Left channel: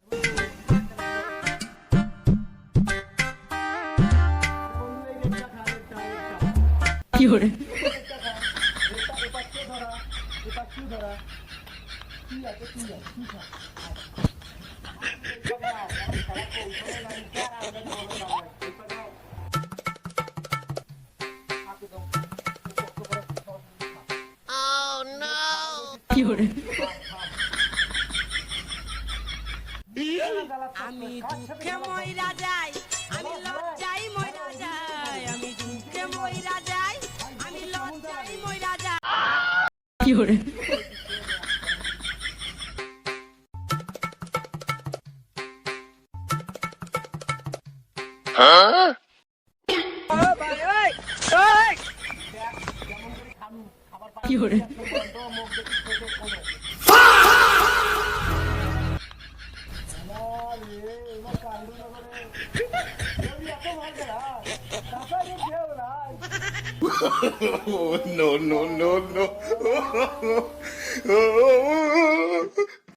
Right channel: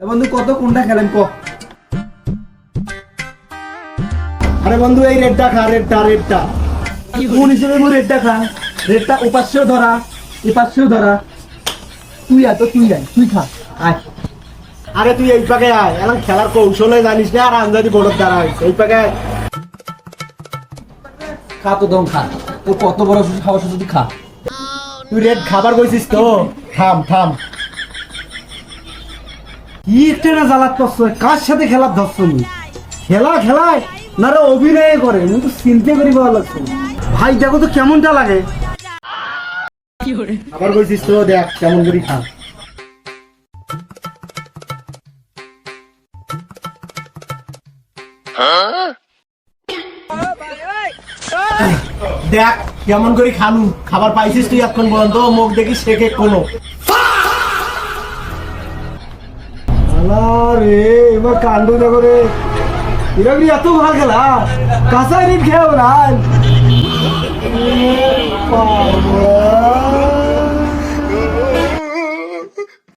বন্ধু কত কোনটা খেলেন ক? আরে বন্ধু এই রেডটা খা, রেডটা কোন হিসেবে মোর রেডটা খা? রেডটা উপাস্যও ধরা, উপাস্যও ধরা। তুই তুই খা। আয় আরে তুই এই পাকে আয়, এখন খেলার কৌশলে জানিস না আর আন্দাজি বড় দ্বারা এই পাকে আয়। খা তো দম খা। তোর কত বড় সাহস আছে তুই খা। তুই রেড খাবার কইছিস তো, থাম কি একটা জ্বালাত করছো, কার সাথে খেলার ধরছো নি? খেলায় না রে অভিনয় করে, আমি তো চিনতে করি ভালো লাগছে। ভাই দেখো তো কেমনটা লাগে। আবার কইছিস তো, দেখ কেমন করি খা। দেখ কেমন করে খালু, খাবার পাইছিস তুই এখন বন্ধ, মুখ দেখিস শেখে কোনো। রে এবার কাণ্ড দেখো রে, এরকম এত ভালো খেলা কাঁচা রিট খেয়েও না।